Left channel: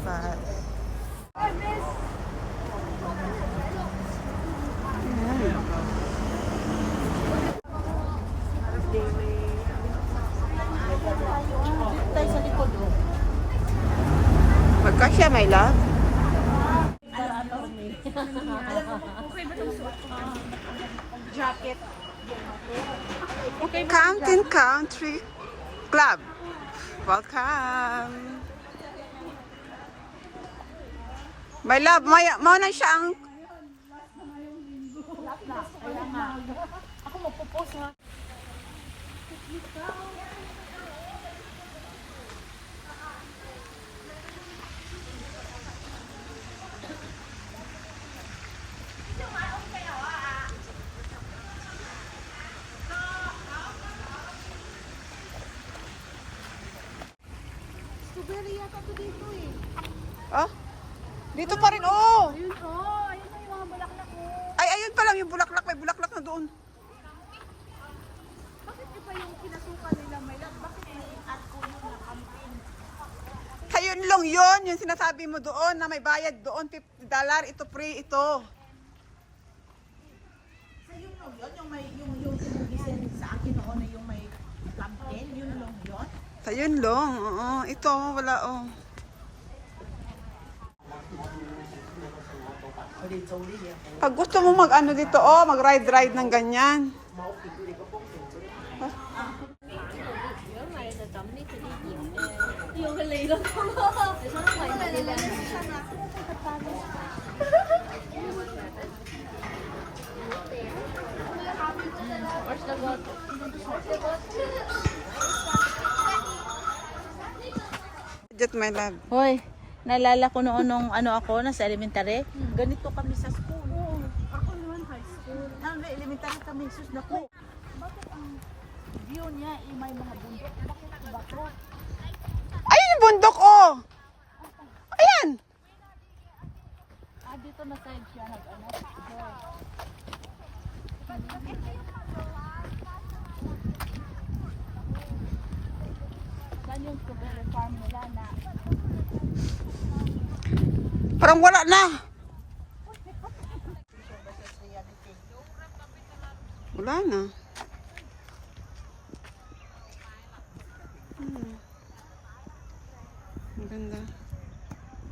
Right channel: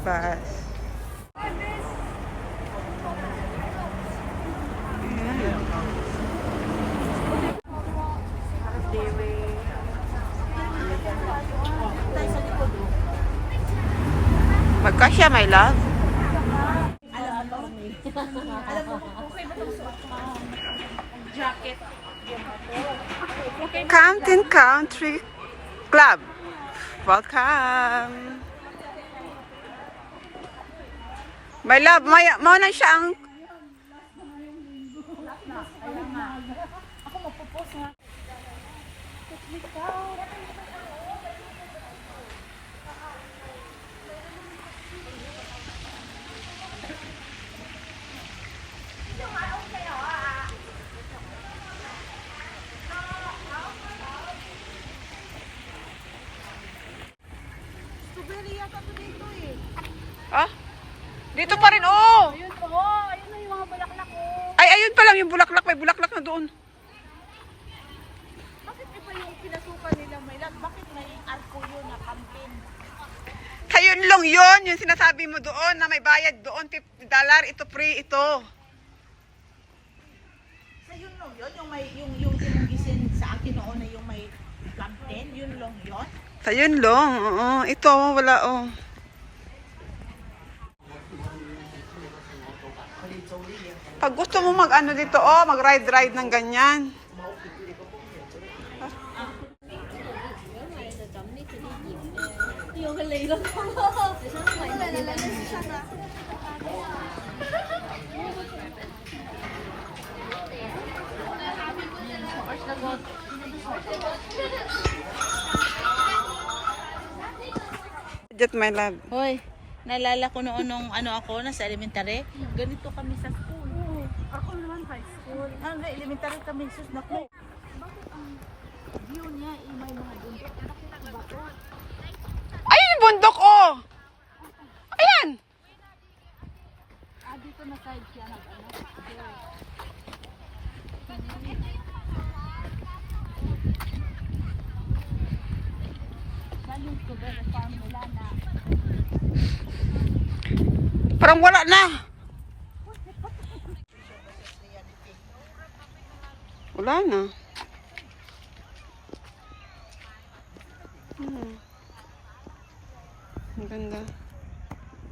breakfast. Ayan. Magkasya, my love. Campton Country Club. Welcome. My love, mo na siyang ako magpo-post nga. Ah? Dito pa rin, oh! Ayun po, ayun na yung mga bulaklak ko. Ay, ayun pa lang yung bulaklak. May bulaklak na doon. Bakit iba yung pinasukan nila, Maylat? Bakit may arko yun na campaign? Kayun lang yun. Yung sinasabi mo doon na may bayad doon. $50. Ito free, ito. Sa yun lang yun, yung ginugisin sa akin noon na yung may campaign, yun lang yun? Kayun lang. Oo. Ito, wala, oh. Pag gusto mo mag-ano dito, oh, mag-ride-ride ng ganyan. Just my love. Hoy, naalala ko noon nung ako, nasa elementary. Ganito kami sa school. Ako naman high school. Elementary kami, sus na ko. Bakit ang view niya may mga bundok? Bakit iba to? Ayun yung bundok, oh! Ayan! Dito na side siya nag-ano. Parang wala na. Wala na. Ang ganda.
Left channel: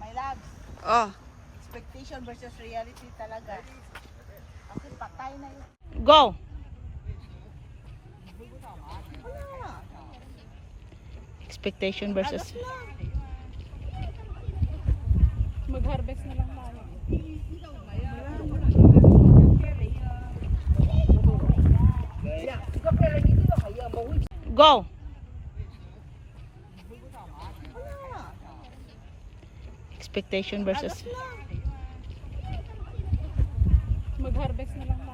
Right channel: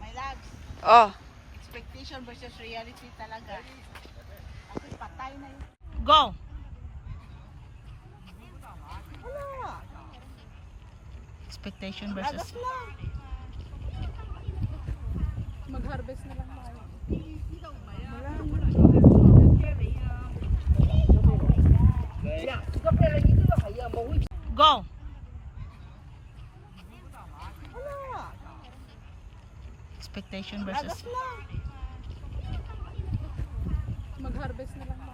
My loves, Oh. expectation versus reality talaga. Ako patay na yun. Go! Wala. Expectation versus... Mag-harvest na lang tayo. Go! Expectation versus... Mag-harvest na lang tayo.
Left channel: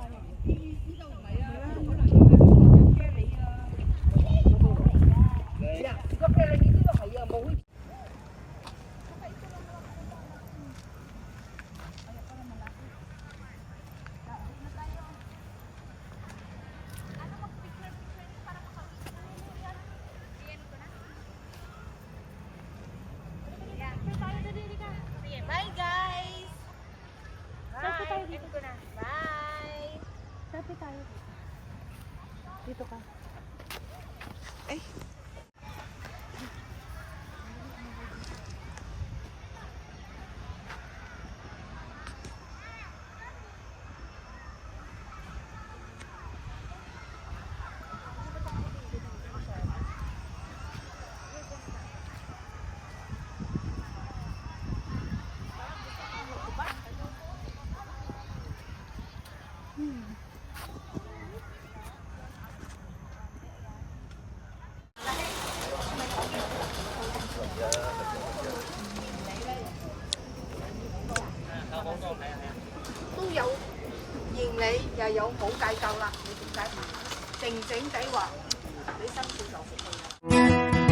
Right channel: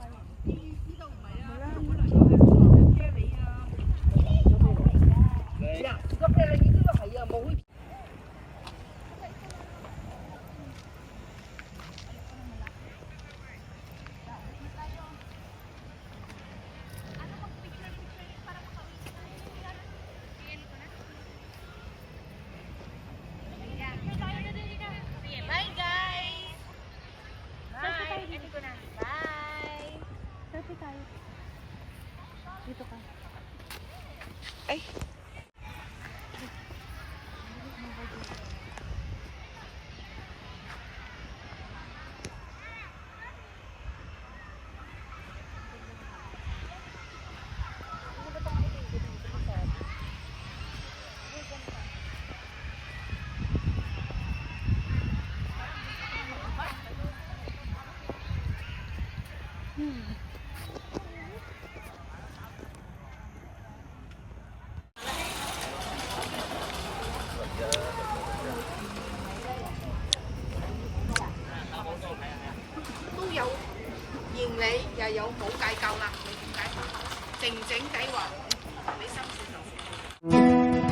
Dito ka. Ay. Ni又有冇計夠啦？你點解靜靜計劃俾心小就服佢。